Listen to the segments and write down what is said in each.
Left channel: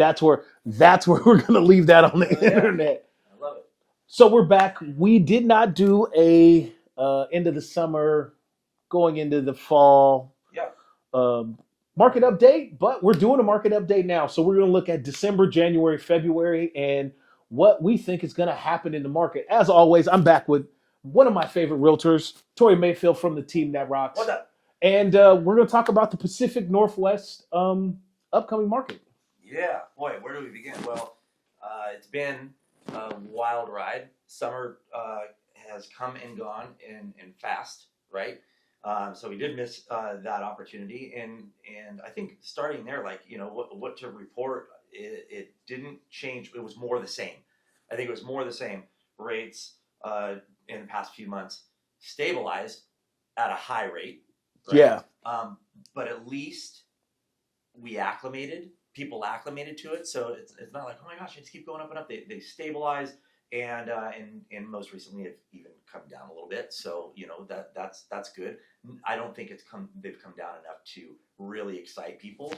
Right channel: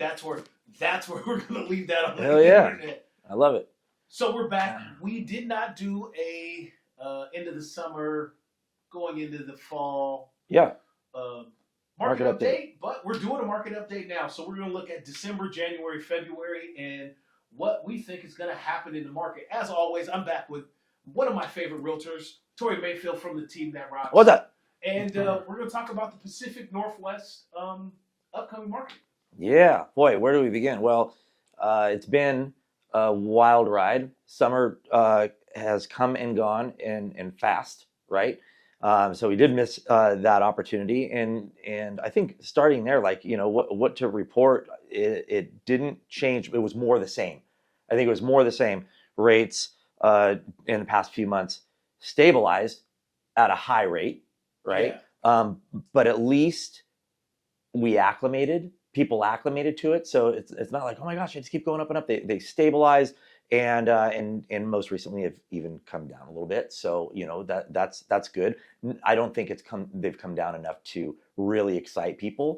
That's where we're gonna leave that on the Hell yeah. internet. I love it. So we're back. We did not do a end of the summer, going into the fall Yeah. um, market Market update, but we're doing a market update now. So we're going to look at December, January, February, and what we think is going to happen in the market. As always, I'm back with one of my favorite realtors, Tory Mayfield from the team that rocks. What's up? And we're going to talk about the Pacific Northwest upcoming market. Yeah, boy, where do we begin? Well, it's been a wild ride. Summer has come and gone and fast, right? So we did miss that opportunity, and I think starting there, like what to report, it didn't change. It was more the same. I think it was more the same. Rates in the past few months stabilized at a high rate, right? Yeah. But at least people acclimated to it, so it's not like, oh my gosh, I just keep going up and up. They stabilize, and most recently have even come down a little bit. So that's good. I don't think they've come down enough to really excite people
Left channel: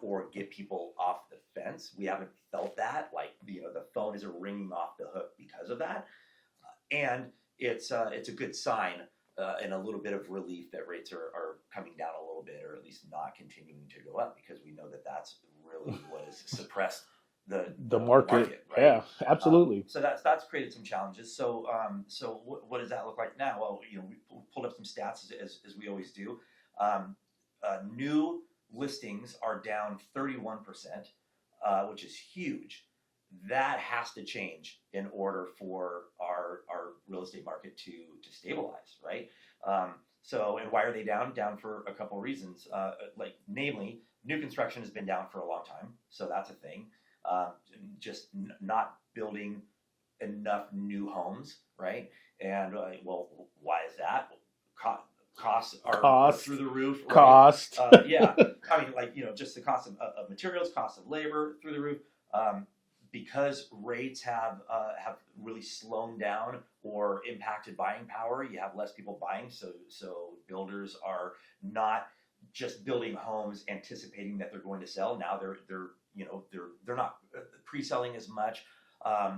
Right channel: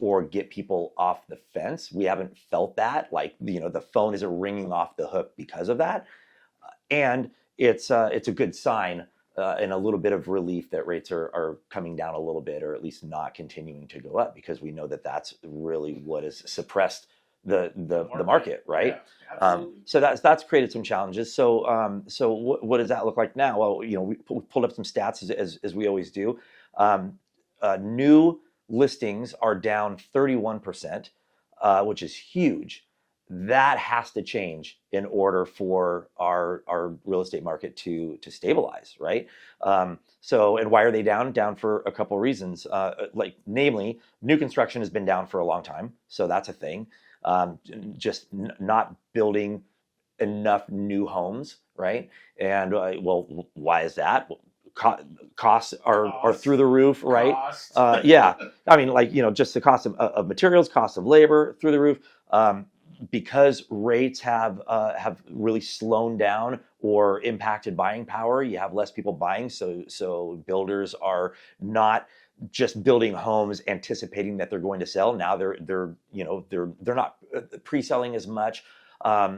or get people off the fence. We haven't felt that, like the phone isn't ringing off the hook because of that, and it's a good sign. And a little bit of relief that rates are coming down a little bit, or at least not continuing to go up, because we know that that's really what has suppressed the market, right? Yeah, absolutely. So that's created some challenges. So what does that look like now? Well, we pulled up some stats as we always do. New listings are down 31%, which is huge. That has to change in order for our real estate market to stabilize, right? And why are they down? Down for a couple of reasons. Namely, new construction has been down for a long time, so that's a thing. Just not building enough new homes, right? And why is that? Costs are through the roof, right? Cost. Yeah, I mean, just the cost of materials, cost of labor through the roof. Because rates have really slowed down or impacted buying power, you have less people buying. So builders are not just building homes anticipating that they're going to sell. Now they're not pre-selling as much.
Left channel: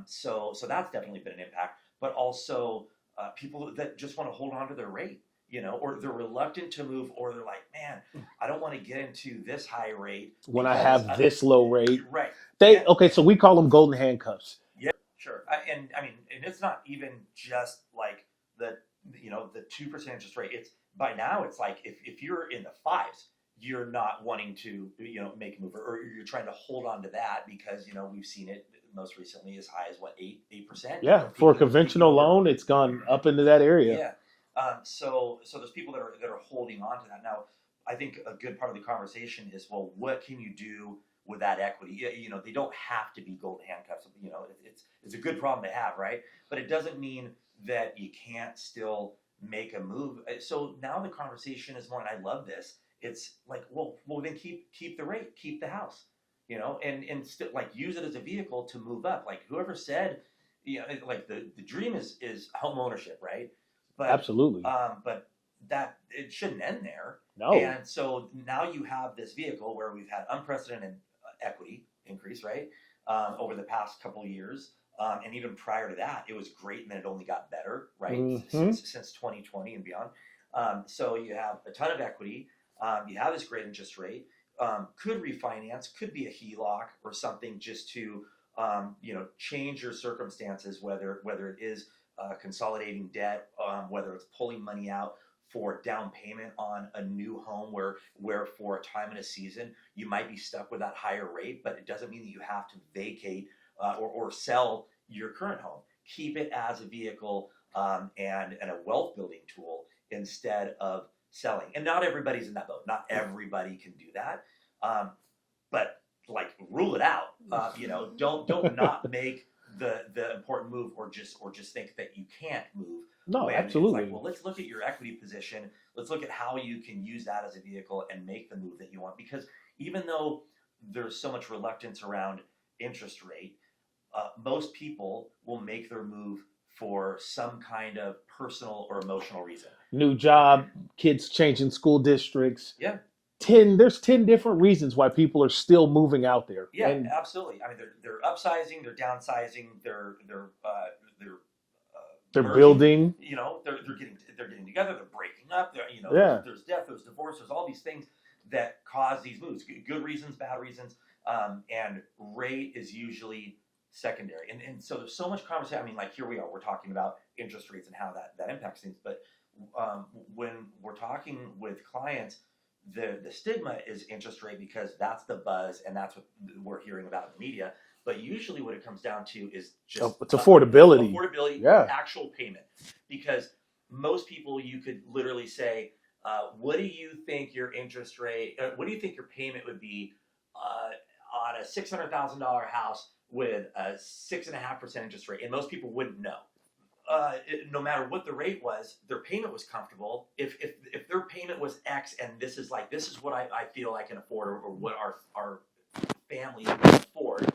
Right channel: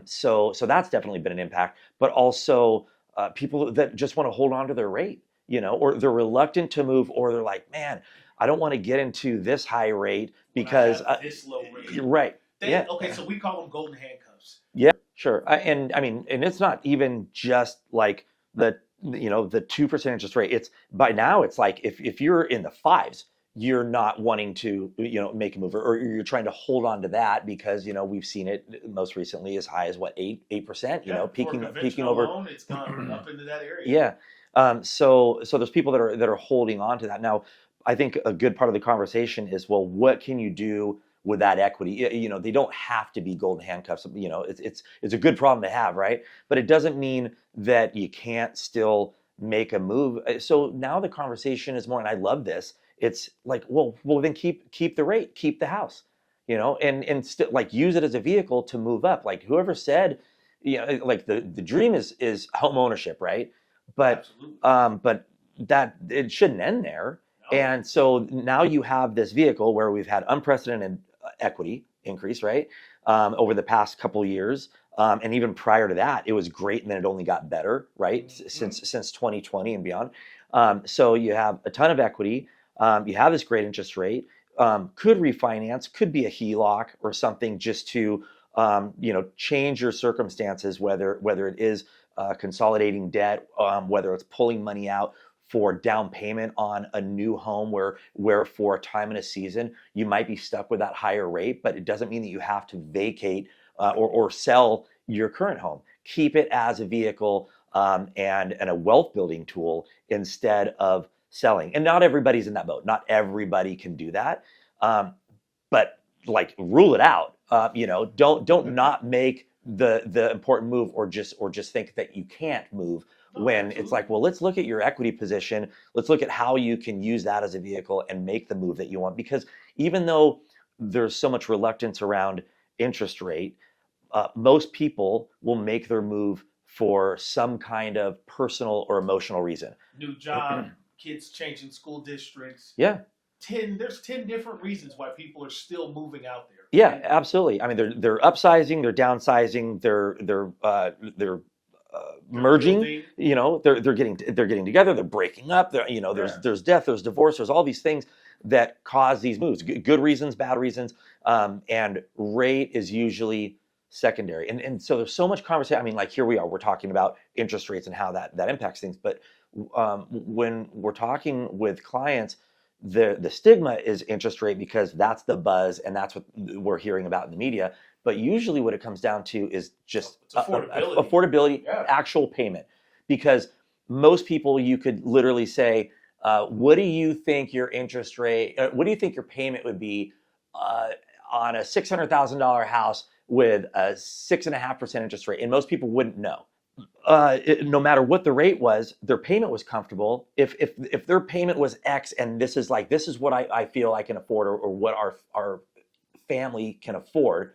So that's definitely been an impact. But also people that just want to hold on to their rate, or they're reluctant to move, or they're like, man, I don't want to get into this high rate when because I have this low rate, right? Okay, so we call them golden handcuffs. Yeah, sure. And it's not even just like the 2% interest rate. It's by now it's like if you're in the fives, you're not wanting to make a move, or you're trying to hold on to that because we've seen it most recently as high as 8%. Yeah, for a conventional loan, it's gone up into that area. Yeah. So there's people that are holding on to that. Now, I think a good part of the conversation is, well, what can you do with that equity? They don't have to be golden handcuffs. It's a good problem to have, right? But it doesn't mean that you can't still make a move. So now the conversation is more, and I love this. It's like, well, then keep the rate, keep the house, and still like use it as a vehicle to move up. Like whoever said, like the dream is home ownership, right? But absolutely. But that it shouldn't end there. No. And so now you have this vehicle where we've had unprecedented equity increase, right? Over the past couple of years. And even prior to that, it was great, and then it only got better, right? Mm-hmm. Since 2020 and beyond. So you have a ton of equity. You have this great interest rate. Could refinance, could be a HELOC or something, just to change your circumstances, whether it is consolidating debt, whether it's pulling money out for down payment on a new home where for a time in a season you might be stuck with that higher rate, but it doesn't mean that you have to vacate or sell your current home. Keep it as a vehicle and a wealth building tool instead of selling. And not everybody's in that boat. Not everybody can do that. But like rule it out. Don't not make the important move, or just think that you can't move. No, when absolutely. It's like, well, let's look at your equity position. Let's look at how you can use that as a vehicle and make the move that you want. Because even though there's so much reluctance around interest rate, most people will make their move for some kind of personal or emotional reason. New job, kids changing school districts. Yeah. there's 10 different reasons why people are still moving out there. Yeah, And absolutely. I mean, they're upsizing, they're downsizing, they're they're merging. building. You know, they're getting together, they're breaking up. Yeah. There's death, there's divorce, there's all these things that cause these moves. Good reasons, bad reasons, and rate is usually secondary. And so there's so much conversation. I mean, like here we are, we're talking about interest rates and how that impacts things. But when we're talking with clients, the stigma is interest rate because that's the buzz and that's what we're hearing about in the media. But usually what it comes down to is just It's affordability. affordability, Yeah. actual payment. Because most people, you could literally say, what do you think your interest rate, what do you think your payment would be on a $600,000 house with a 6.5% interest rate? And most people wouldn't know. No matter what the rate was, their payment was comfortable. If their payment was X and this is what I feel I can afford, or what our family can afford,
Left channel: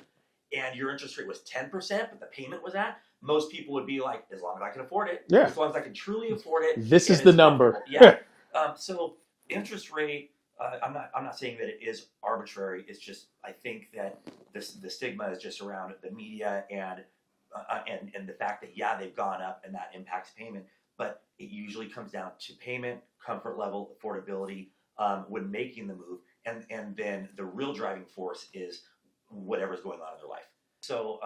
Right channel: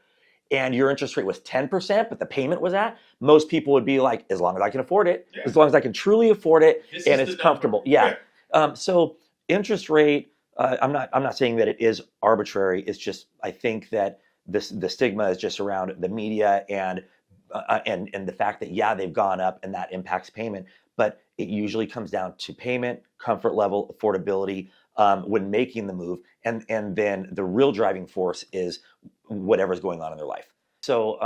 and your interest rate was 10%, but the payment was at, most people would be like, as long as I can afford it, Yeah. as long as I can truly afford it, This and is it's the number. comfortable. Yeah. So interest rate, I'm not saying that it is arbitrary. It's just I think that the stigma is just around the media and the fact that they've gone up and that impacts payment, but it usually comes down to payment, comfort level, affordability when making the move, and then the real driving force is whatever's going on in their life. So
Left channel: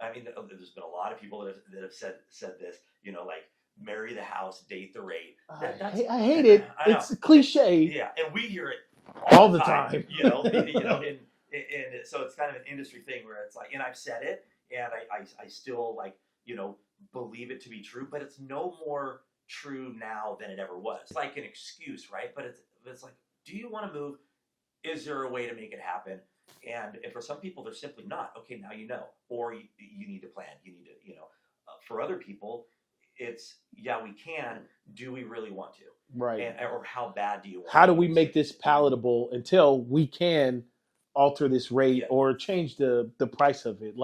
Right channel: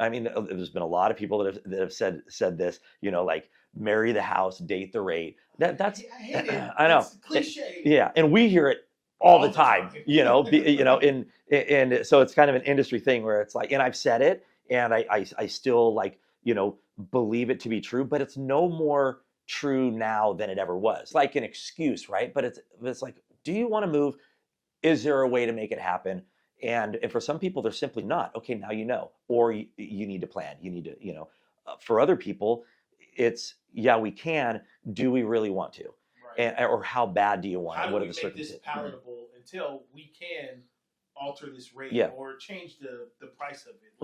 I mean, there's been a lot of people that have said this, like marry the house, date the rate. I hate it. I know. It's cliche. Yeah, and we hear it all the time. And so it's kind of an industry thing where it's like, and I've said it, and I still believe it to be true, but it's no more true now than it ever was. Like an excuse, right? But it's like, do you want to move? Is there a way to make it happen? And for some people, they're simply not. Okay, now you know, or you need to plan. You need to, for other people, it's we can. Do we really want to? Right. Or how bad do you want? How do What we are the make this circumstances? palatable until we can alter this rate or change the price of it?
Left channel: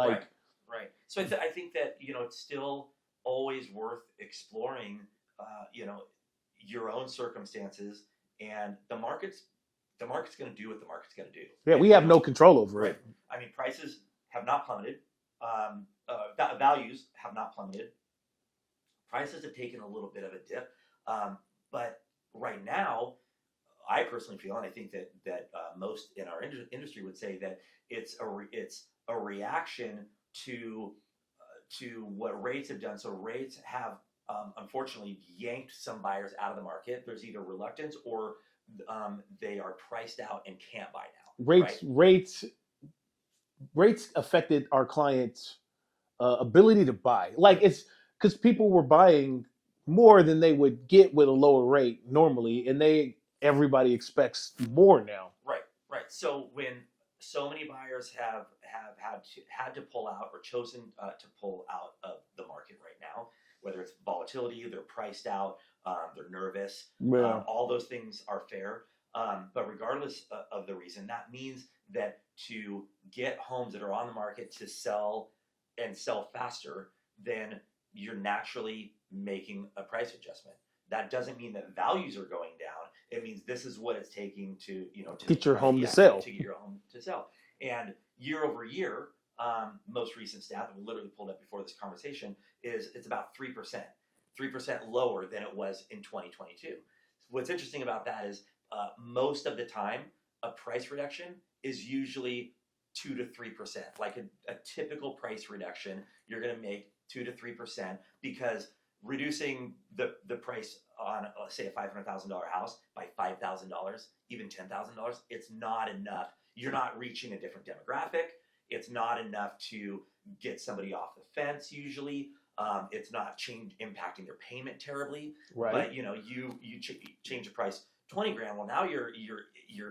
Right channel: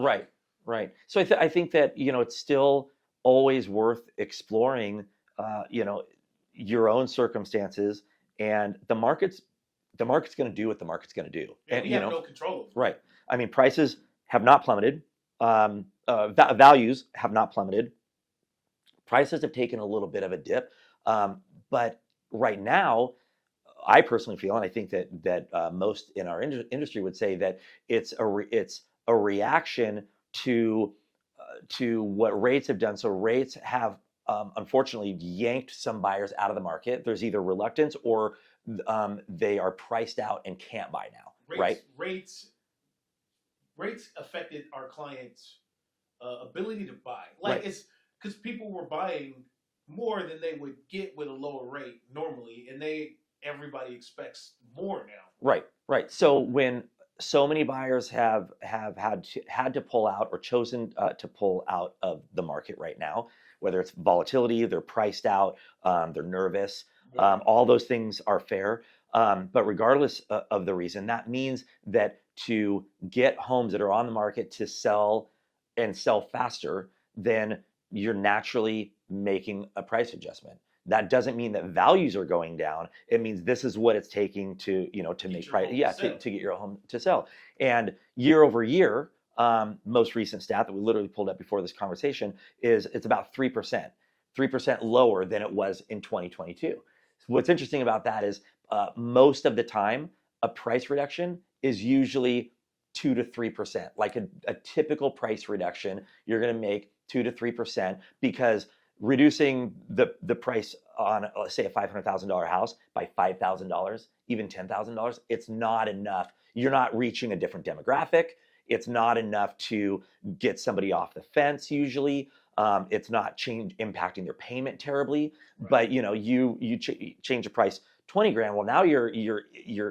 Right. So I think that it's still always worth exploring. Your own circumstances, and the market's going to do what the market's going to do. Yeah, and, we have no control over right. it. I mean, prices have not plummeted. Values have not plummeted. Prices have taken a little bit of a dip, but right now, I personally feel, and I think that most in our industry would say that it's a reaction to what rates have done. So rates have unfortunately yanked some buyers out of the market. There's either reluctance or they are priced out and can't buy now. Rates affected our clients' ability to buy. It's because people were buying more than they would get with a lower rate normally, and everybody expects more now. Right. So when so many buyers have had to pull out or chosen to pull out of the market right now, whether it's volatility, they're priced out, they're nervous, all those things are fair. But regardless of the reason, that means that to get homes that are on the market to sell and sell faster, then you're naturally making a price adjustment. That doesn't mean that values are going down. It means this is what it's taking to get your home to sell. To get your home to sell. And year over year, most recent stat that we literally pulled up before this conversation is it's about 3%, 3% lower than it was in 2022. What's interesting about that is most of the time, a price reduction is usually 2 to 3%. Like a typical price reduction, you're going to make 2 to 3% because reducing the price on, let's say, a $500,000 house by $5,000, even $10,000, it's not enough. You're not reaching a different demographic. It's not enough to get somebody off the fence usually. It's not impacting their payment terribly. Right. But you change the price $20,000. Well, now you're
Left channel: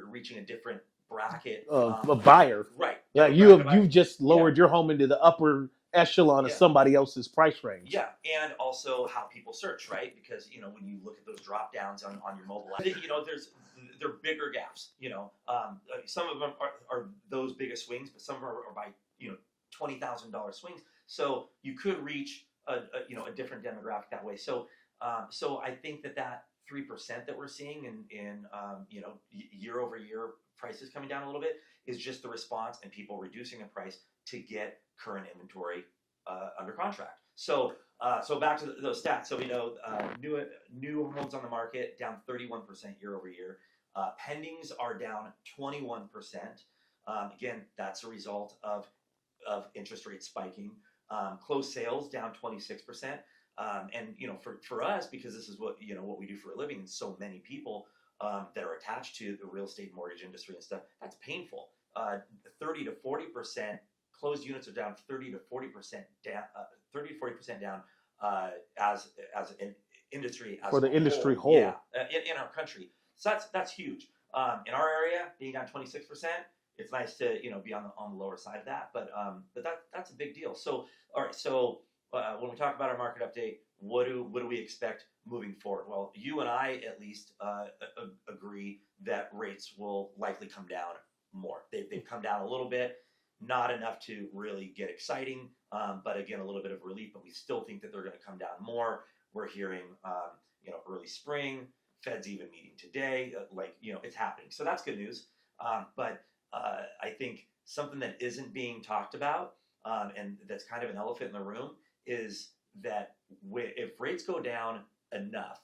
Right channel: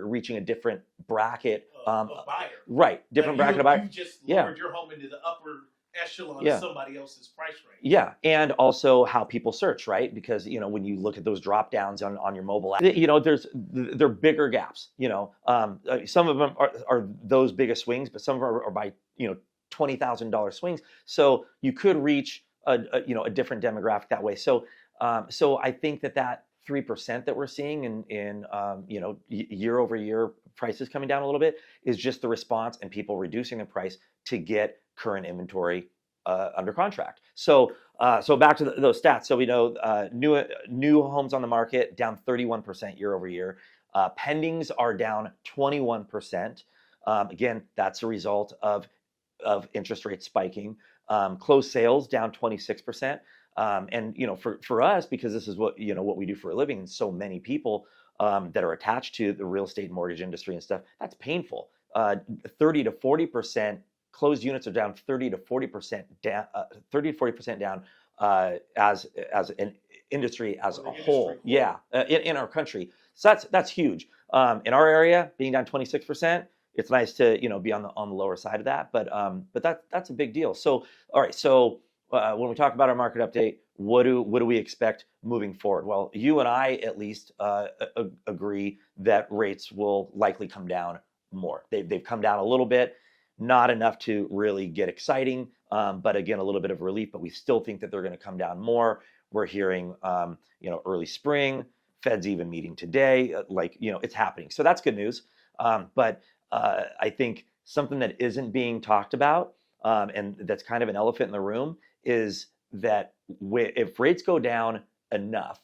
reaching a different bracket. A buyer. Right. You've just lowered your home into the upper echelon of somebody else's price range. Yeah, and also how people search, right? Because when you look at those drop downs on your mobile app, they're bigger gaps. Some of them are those biggest swings, but some of them are by $20,000 swings. So you could reach a different demographic that way. So I think that 3% that we're seeing in year over year prices coming down a little bit is just the response and people reducing the price to get current inventory under contract. So back to those stats. So we know new homes on the market down 31% year over year. Pendings are down 21%. Again, that's a result of interest rates spiking. Closed sales down 26%. And for us, because this is what we do for a living, and so many people that are attached to the real estate and mortgage industry and stuff, that's painful. 30 to 40% closed units are down 30 to 40% down, 30 to 40% down as an industry as for the a industry whole. Yeah, in our country. So that's huge. In our area, being down 26%, it's nice to be on the lower side of that, but that's a big deal. So all right, so when we talk about our market update, what do we expect moving forward? Well, you and I at least agree that rates will likely come down more. They've come down a little bit, not enough to really get exciting, but again, a little bit of relief. But we still think that they're going to come down more. We're hearing early spring. Fed's even meeting today. It's happening. So that's good news. But I think something that isn't being talked about, and that's kind of an elephant in the room, is that if rates go down enough,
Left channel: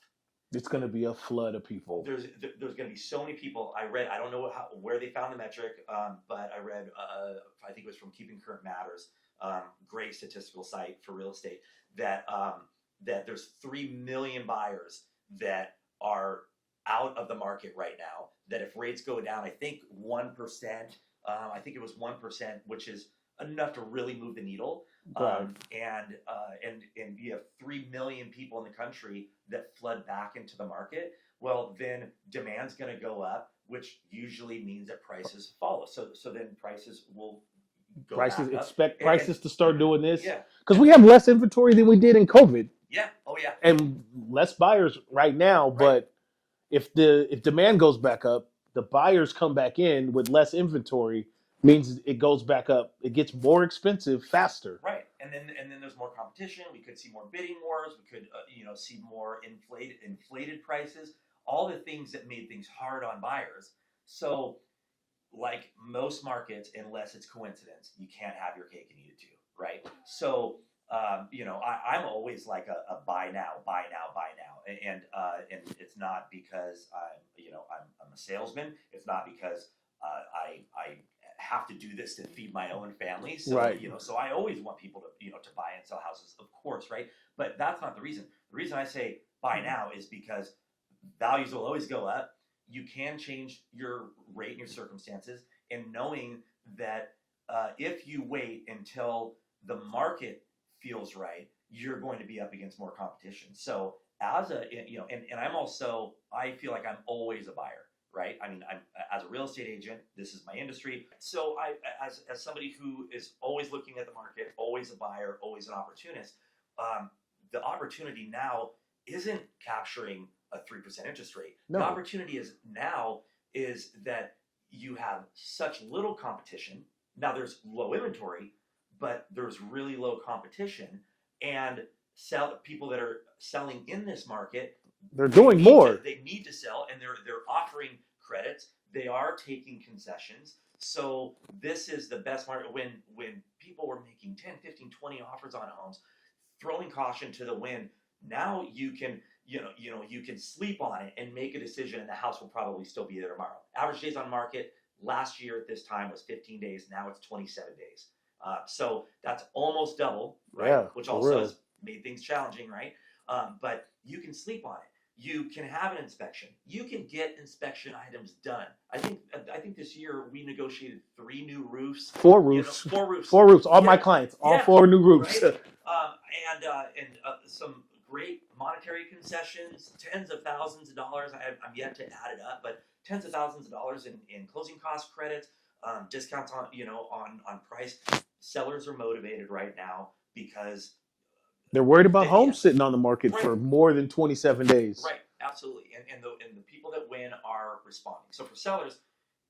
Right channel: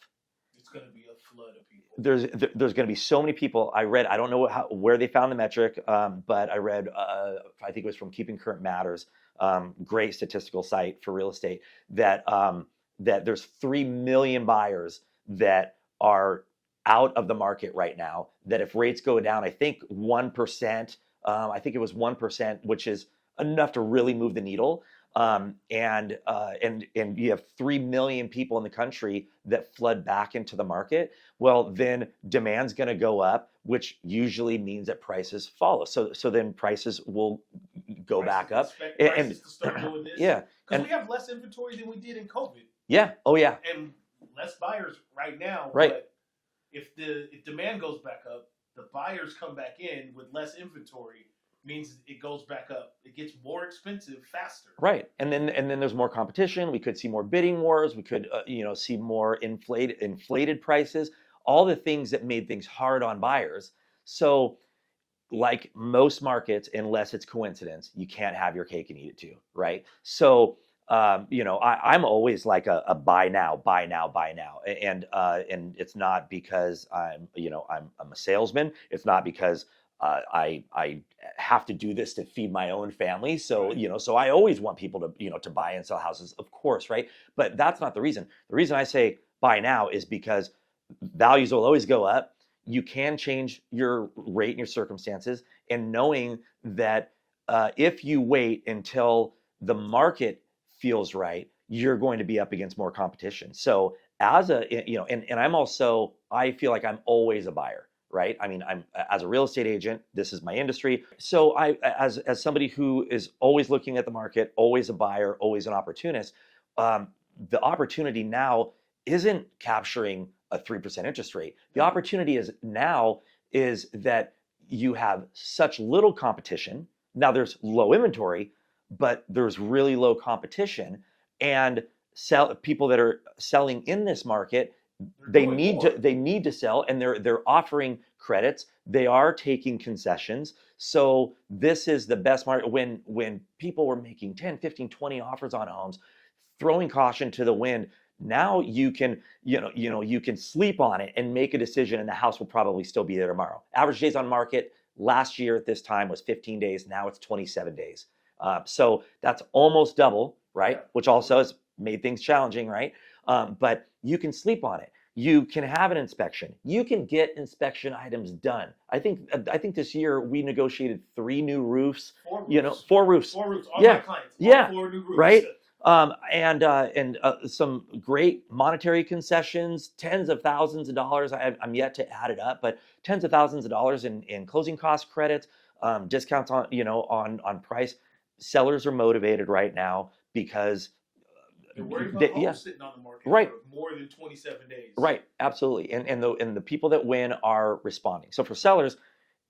it's going to be a flood of people. There's going to be so many people. I read, I don't know where they found the metric, but I read, I think it was from Keeping Current Matters, great statistical site for real estate, that there's 3 million buyers that are out of the market right now, that if rates go down, I think 1%, I think it was 1%, which is enough to really move the needle. And you have 3 million people in the country that flood back into the market. Well, then demand's going to go up, which usually means that prices follow. So then prices will go back up. Expect prices to start doing this. Yeah, because we have less inventory than we did in COVID. Yeah. Oh yeah. And less buyers right now. Right. But if demand goes back up, the buyers come back in with less inventory. Means it goes back up. It gets more expensive faster. Right, and then there's more competition. We could see more bidding wars. We could see more inflated prices. All the things that made things hard on buyers. So, like most markets, unless it's coincidence, you can't have your cake and eat it too, right? So, I'm always like a buy now, and it's not because I'm a salesman. It's not because I have to do this to feed my own family. So, right. So I always want people to, to buy and sell houses, of course, right? But that's not the reason. The reason I say buy now is because values will always go up. You can change your rate and your circumstances, and knowing that if you wait until the market feels right, you're going to be up against more competition. So as and I feel like I'm always a buyer. Right. I mean, I'm as a real estate agent, this is my industry. So as somebody who is always looking at the market, always a buyer, always an opportunist, the opportunity now isn't capturing a 3% interest rate. No. The opportunity is that you have such little competition. Now there's low inventory, but there's really low competition, and people that are selling in this market, they need to sell, and they're offering credits. They are taking concessions. So this is the best market. When people were making 10, 15, 20 offers on homes, throwing caution to the wind, now you can you can sleep on it and make a decision, and the house will probably still be there tomorrow. Average days on market last year at this time was 15 days. Now it's 27 days. So that's almost double, right? Yeah, which also has made things challenging, right? But you can sleep on it. You can have an inspection. You can get inspection items done. I think this year we negotiated 3 new roofs. 4 roofs. 4 roofs. 4 roofs. All my clients. All 4 new roofs. Right. And some great monetary concessions, tens of thousands of dollars. I'm yet to add it up, but tens of thousands of dollars in closing cost credits, discounts on on price. Sellers are motivated right now because they're worried about homes sitting on the market for more than 27 days. Right, absolutely. And the people that win are responding. So for sellers,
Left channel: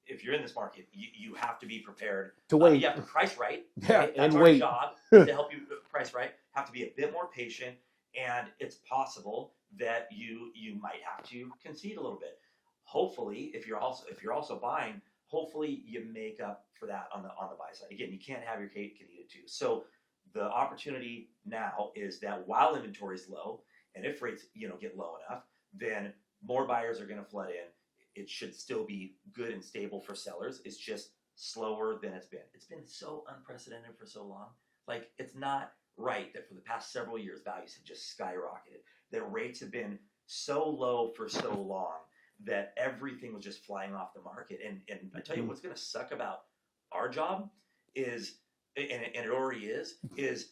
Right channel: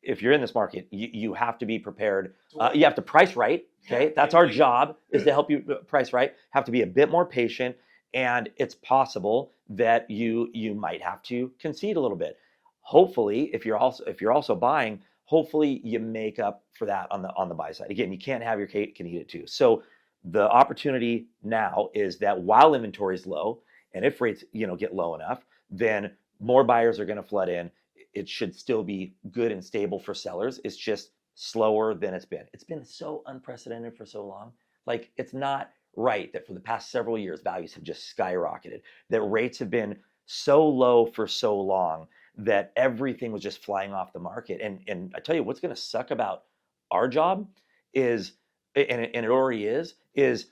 if you're in this market, you have to be prepared. You have to price right. Okay? That's our job, is to help you price right. Have to be a bit more patient and it's possible that you might have to concede a little bit. Hopefully, if you're also buying, hopefully you make up for that on the buy side. Again, you can't have your cake and eat it too. So the opportunity now is that while inventory is low, and if rates get low enough, then more buyers are going to flood in. It should still be good and stable for sellers. It's just slower than it's been. It's been so unprecedented for so long. Like, it's not right that for the past several years values have just skyrocketed, that rates have been so low for so long that everything was just flying off the market. And I tell you what's going to suck about our job is, and it already is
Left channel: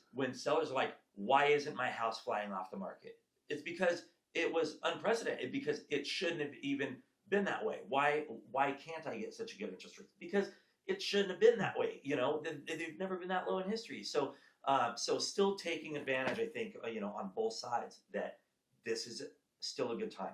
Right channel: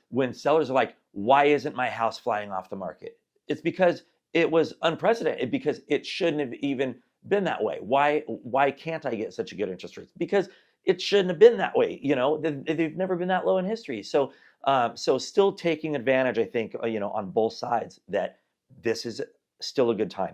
when sellers are like, why isn't my house flying off the market? It's because it was unprecedented, because it shouldn't have even been that way. Why can't I get such a good interest rate? Because it shouldn't have been that way. They've never been that low in history. So still taking advantage, I think, on both sides, that this is still a good time.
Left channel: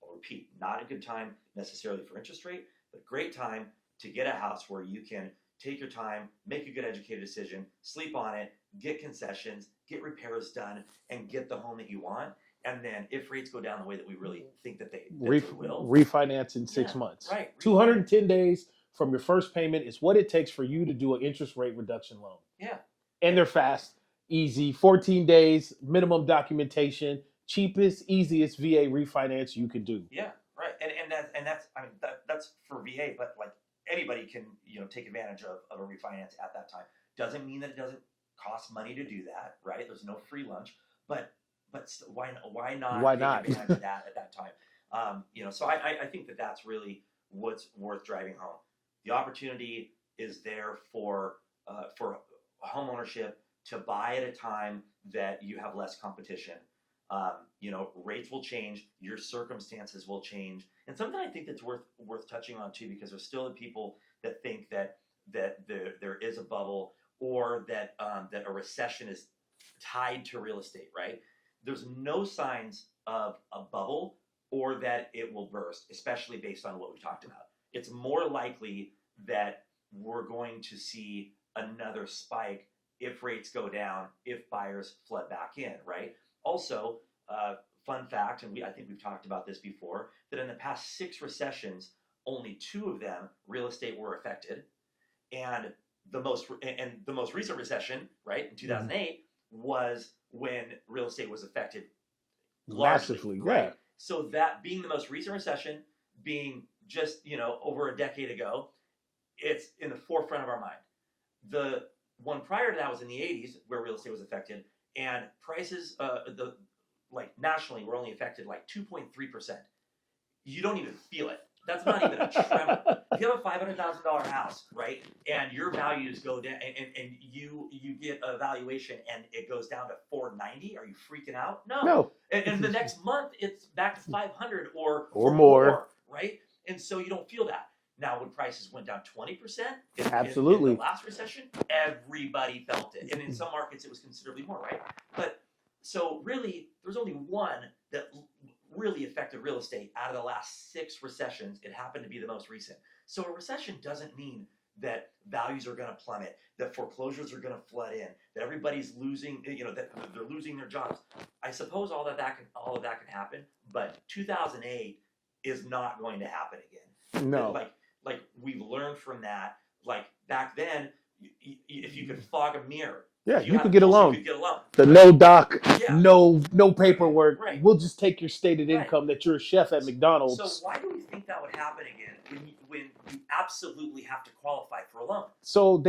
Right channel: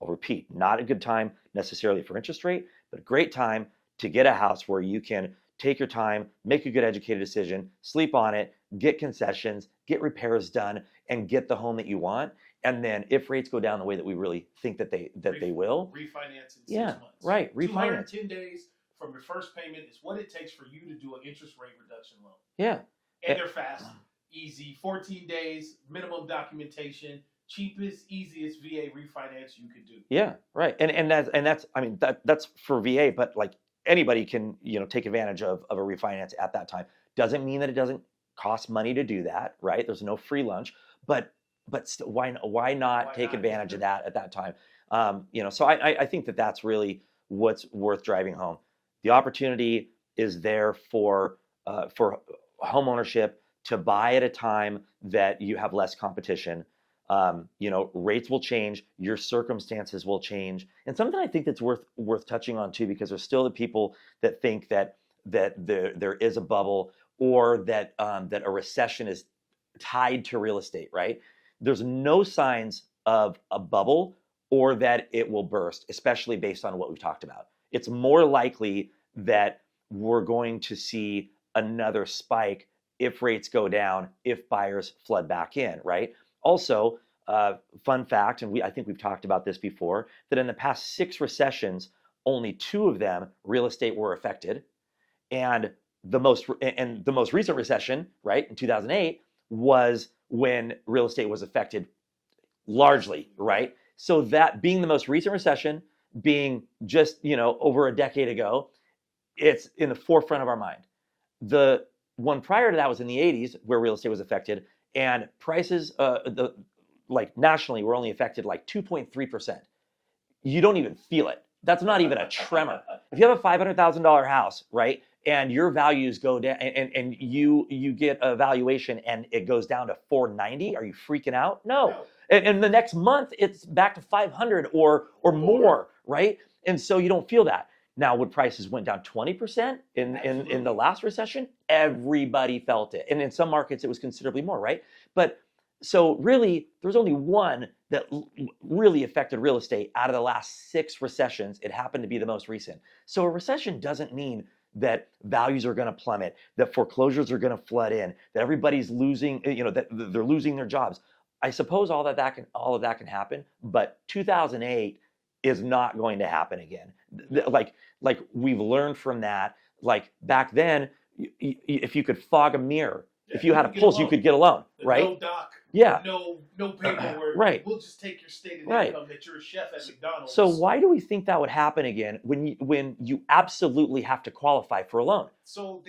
I'll repeat, not a good time necessarily for interest rate, but a great time to get a house where you can take your time, make a good educated decision, sleep on it, get concessions, get repairs done, and get the home that you want. And then if rates go down the way that we really think that they will, refinance in 6 months. Right. 210 days from your first payment is what it takes for you to do an interest rate reduction loan. Yeah. And they're fast, easy, 14 days, minimum documentation, cheapest, easiest VA refinance you could do. Yeah, right. And that's I mean that's for VA, but like anybody can take advantage of a refinance at that time. Doesn't mean that it doesn't cost money to do that, right? There's no free lunch, but still, why not take advantage of that at that time? So I think that that's really what's worth driving home. The opportunity is there for home ownership to buy at a time that you have less competition. Rates will change, your circumstances will change, and something I think that's worth touching on too, because there's still the people that think that there is a bubble, or that a recession is tied to real estate, right? There's no signs of a bubble or that it will burst, especially based on what we've talked about. It's more likely that we're going to see another spike if rates go down, if buyers flood back in, right? Also, fun fact, and I think we've talked about this before, that in the past 6 recessions, only 2 of them, real estate were affected. And the most recent recession, right, in 2008, was when real estate was affected largely, massively, right? Yeah. So that being the most recent recession, being just over a decade ago, it's in the forefront of our mind. The one prior to that was in the 80s, where real estate was affected, and prices, nationally, were only affected like 2.3%. You don't even feel it. That's not even a tremor. If you have a $500,000 house, right, and your values go down, and you get a valuation and it goes down to 490, are you freaking out? No. And the next month it's back to 500 or more, right? And so you don't feel that. Now, when prices went down 20% in the last recession, everybody felt it. And in some markets, it was considerably more, right? But so really, there's only one that really affected real estate out of the last 6 recessions. It happened to be the most recent. So a recession doesn't mean that values are going to plummet, that foreclosures are going to flood in, that everybody's losing, that they're losing their jobs. I suppose all of that can happen, but 2008 is not going to happen again. No. Like we've learned from that. Like back then, if you could fog a mirror, if you had a pulse, you could get a loan. No doc, no paperwork. Right. We'll just take your stated income that you're a chef at McDonald's. So why do we think that would happen again when you absolutely have to qualify for a loan? So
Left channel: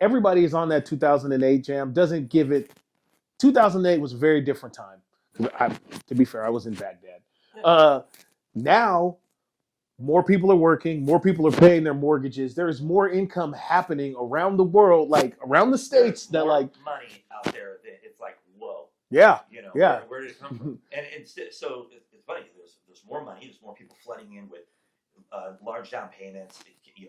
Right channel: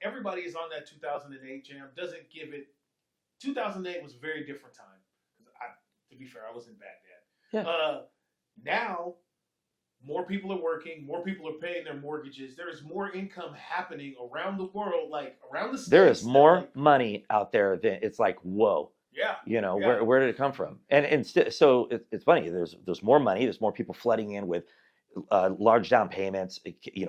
everybody is on that 2008 jam. Doesn't give it. 2008 was a very different time. To be fair, I was in Baghdad. Yeah. Now, more people are working. More people are paying their mortgages. There's more income happening around the world, like around the states. There is more money out there than it's like, whoa. Yeah. Where did it come from? So it's funny. There's more money. There's more people flooding in with large down payments.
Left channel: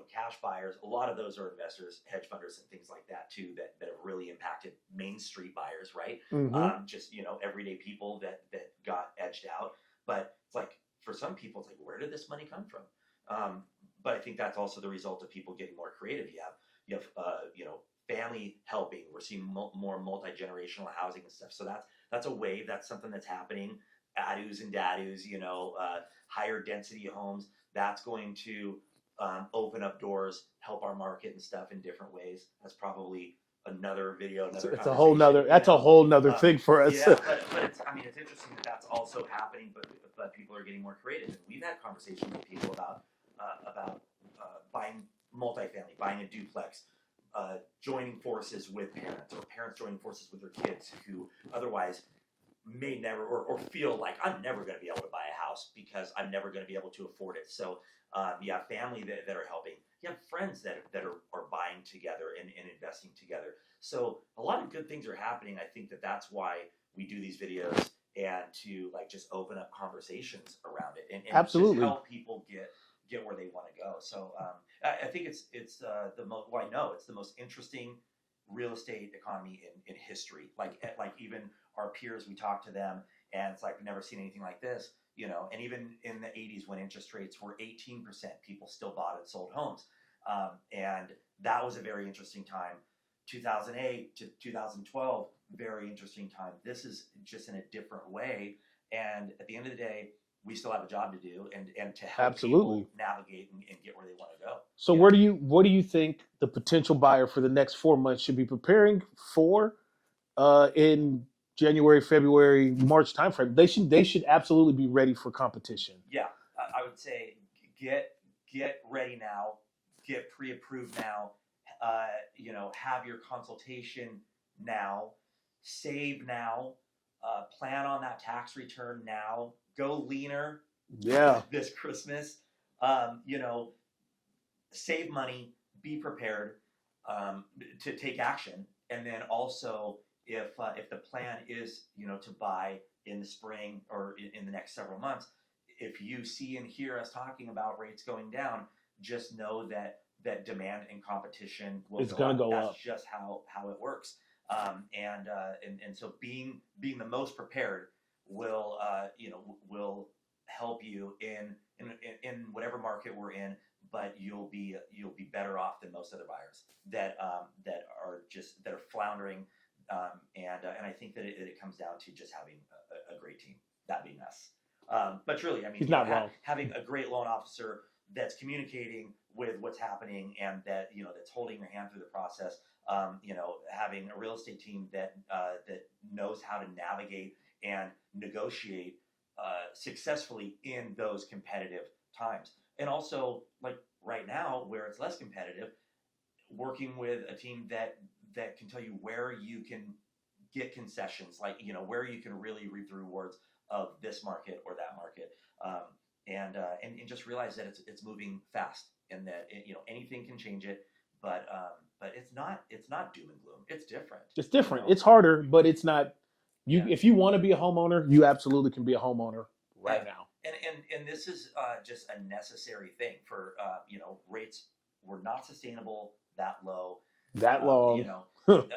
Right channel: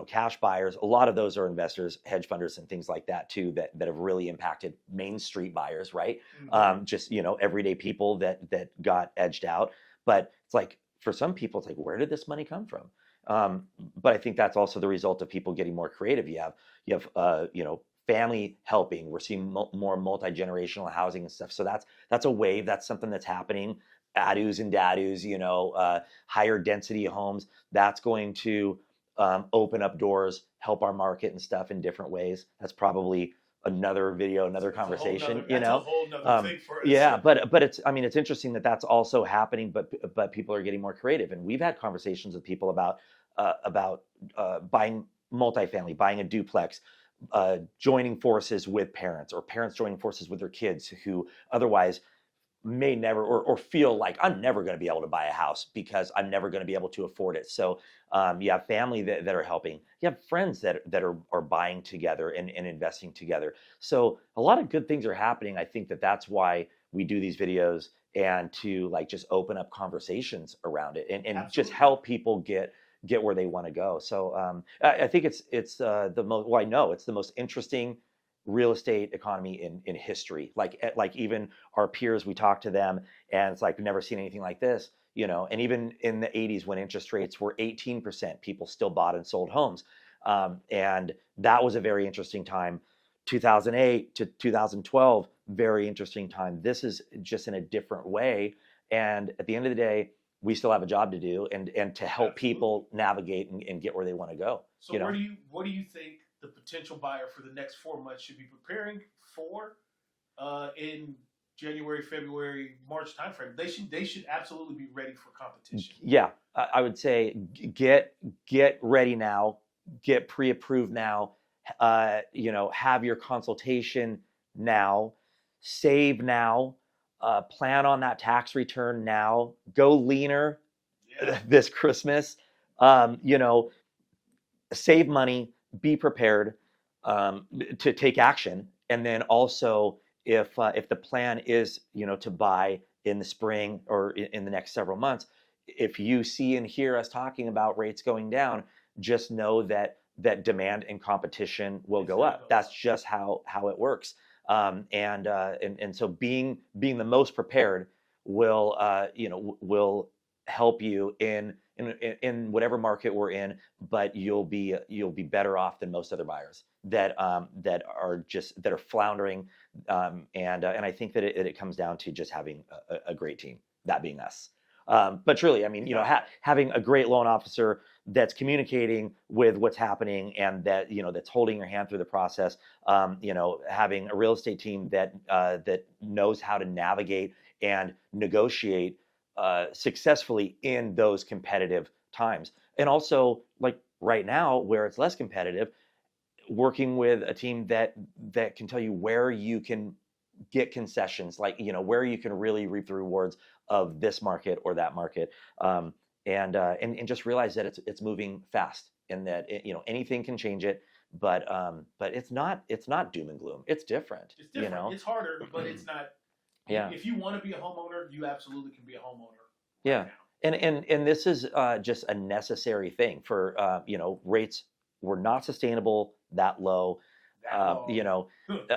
Cash buyers. A lot of those are investors, hedge funders, and things like that too. That have really impacted Main Street buyers, right? Mm-hmm. Just everyday people that got edged out. But it's like, for some people, it's like, where did this money come from? But I think that's also the result of people getting more creative. You have family helping. We're seeing more multi-generational housing and stuff. So that's a wave. That's something that's happening. Adus and dadus, higher density homes. That's going to open up doors, help our market and stuff in different ways. That's probably another video, another It's conversation. that's a whole nother thing for us. Yeah, but it's, I mean, it's interesting that that's also happening, but people are getting more creative, and we've had conversations with people about buying multifamily, buying a duplex, joining forces with parents, or parents joining forces with their kids who otherwise may never, or feel like I'm never going to be able to buy a house because I'm never going to be able to afford it. So you have family that are helping. You have friends that are buying together and investing together. So a lot of good things are happening. I think that's why we do these videos, and to like just open up conversations around it, and just help people get where they want to go. So I think it's the most, well, I know it's the most interesting real estate economy in history. Like even our peers, we talk to them and it's like, we've never seen anything like this, and even in the 80s when interest rates were 18%, people still bought and sold homes. And that was a very interesting time. 2008 to 2012, very interesting time. This is just in a different way. And at the end of the day, we still have a job to do, and to help people navigate and get where they want to go. So what do you think the potential buyer for the next 4 months should be preparing for in January, February, March timeframe? They should absolutely be ready for competition. Yeah, I would say get ready now, get pre-approved now, have your consultation now, save now. Plan on that tax return now. Go leaner. Yeah. This Christmas. Save money. Be prepared to take action. And then also, if the plan is to buy in the spring or in the next several months, if you see and hear us talking about rates going down, just know that demand and competition will go up. That's just how it works. And so being the most prepared will help you in whatever market we're in, but you'll be better off than most other buyers that are floundering. And I think that it comes down to just having a great team, that being us. But truly, I mean, having a great loan officer that's communicating with what's happening, and that that's holding your hand through the process. Having a real estate team that knows how to navigate and negotiate successfully in those competitive times, and also like right now where it's less competitive, working with a team that can tell you where you can get concessions, like where you can really reap the rewards of this market or that market. And just realize that it's moving fast, and that anything can change it, but it's not doom and gloom. It's different. It's different. It's harder, but it's not. If you want to be a homeowner, you absolutely can be a homeowner right now. And this is just a necessary thing for rates were not sustainable that low. That low.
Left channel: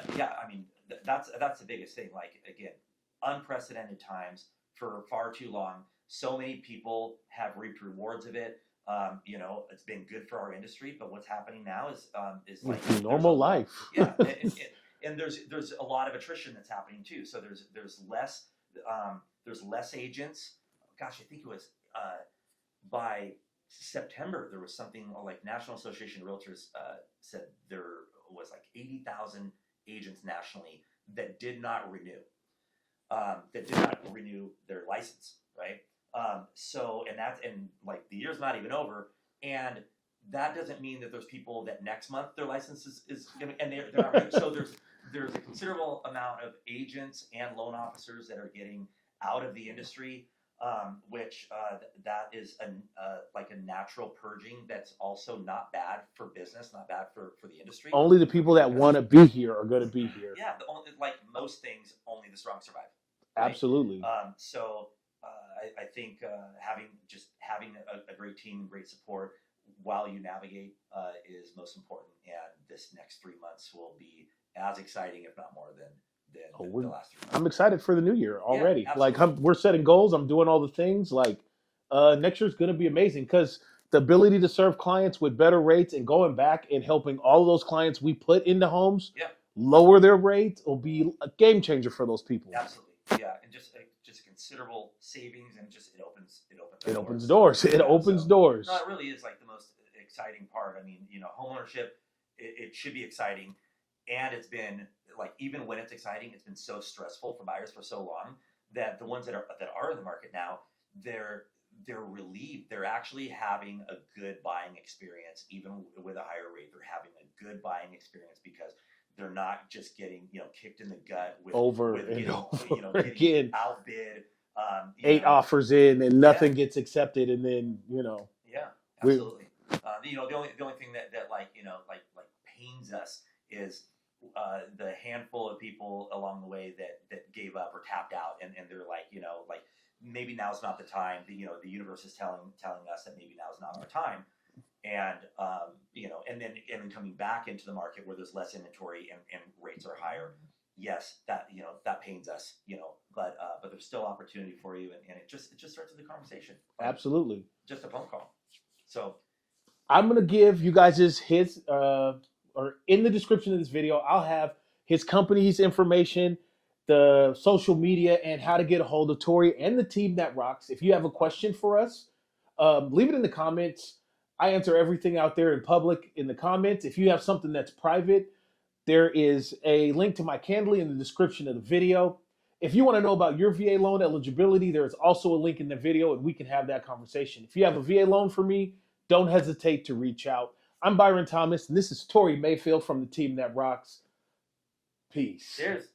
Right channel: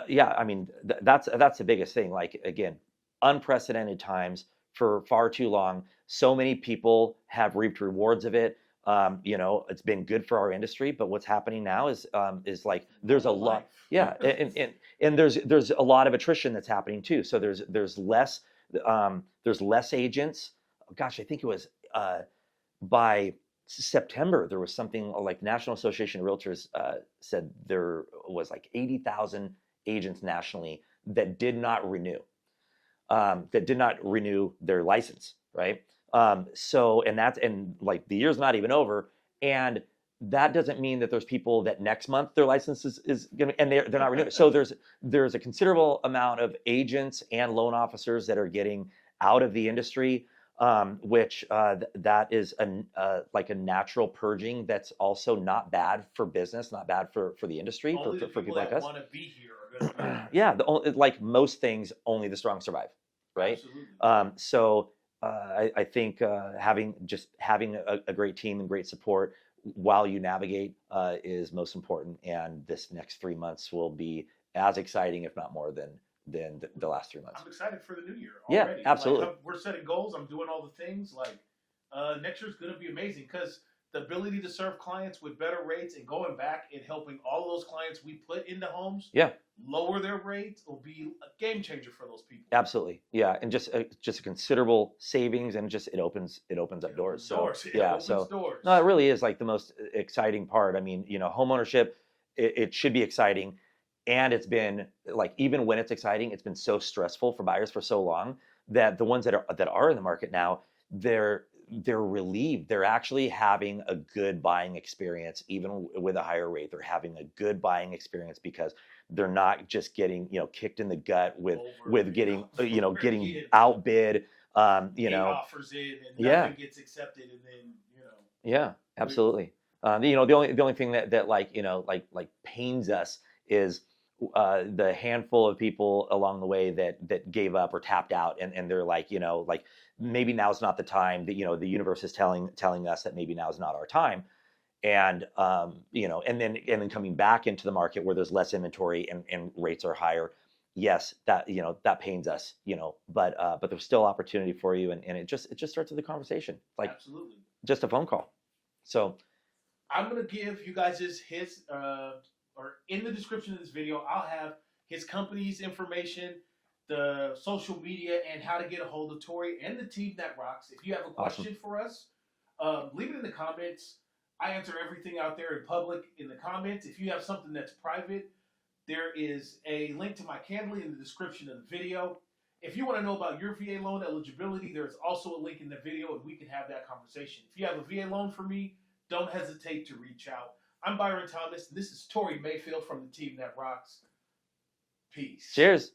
Yeah. I mean that's the biggest thing. Like again, unprecedented times for far too long. So many people have reaped rewards of it. It's been good for our industry, but what's happening now is like there's a life. Yeah, and there's a lot of attrition that's happening too. So there's less agents. Gosh, I think it was by September there was something like National Association of Realtors said there was like 80,000 agents nationally that did not renew their license, right? So like the year's not even over, and that doesn't mean that there's people that next month their license is gonna, and they're not renewed. So there's a considerable amount of agents and loan officers that are getting out of the industry, which that is like a natural purging. That's also not bad for business, not bad for the industry. Only the people that want to be here are going to be here. Yeah, like most things, only the strong survive. Right? Absolutely. So I think having a great team and great support while you navigate is most important. And this next 3 months will be as exciting, if not more, than the last 3 months. I'm excited for the new year already. Yeah, absolutely. Like we're setting goals. I'm doing all the things. Like next year's going to be amazing because the ability to serve clients with better rates and going back and helping all of those clients we put into homes Yeah. lower their rates will be a game changer for those people. Absolutely, yeah, and just a considerable savings, and just it opens It doors. opens So, doors. It yeah, opens so doors. no, it really is like the most exciting part. I mean, home ownership, it should be exciting, and it's been like, even when it's exciting, it's been so stressful for buyers for so long that the ones that are in the market now, they're relieved. They're actually having a good buying experience, even with a higher rate. They're having a good buying experience because they're not just getting kicked in the gut with getting getting again. outbid. 8 offers in and Yeah. nothing gets accepted, and then Yeah, absolutely. The only thing that like pains us is the handful of people along the way that gave up or tapped out, and they're like, like, maybe now's not the time. That the universe is telling us that maybe now's not our time. And and then coming back into the market where there's less inventory and rates are higher. Yes, that that pains us, but there's still opportunity for you, and it just starts with the conversation, like absolutely, just a phone call. So I'm gonna give you guys his or in the description of this video, I'll have his company's information, the social media, and how to get a hold of Tory and the team that rocks. If you have a question for us, leave it in the comments. I answer everything out there in public in the comments. If you have something that's private, there is a link to my Candly in the description of the video. If you want to know about your VA loan eligibility, there's also a link in the video, and we can have that conversation. If you have a VA loan for me, don't hesitate to reach out. I'm Byron Thomas, and this is Tory Mayfield from the team that rocks. Peace. Cheers.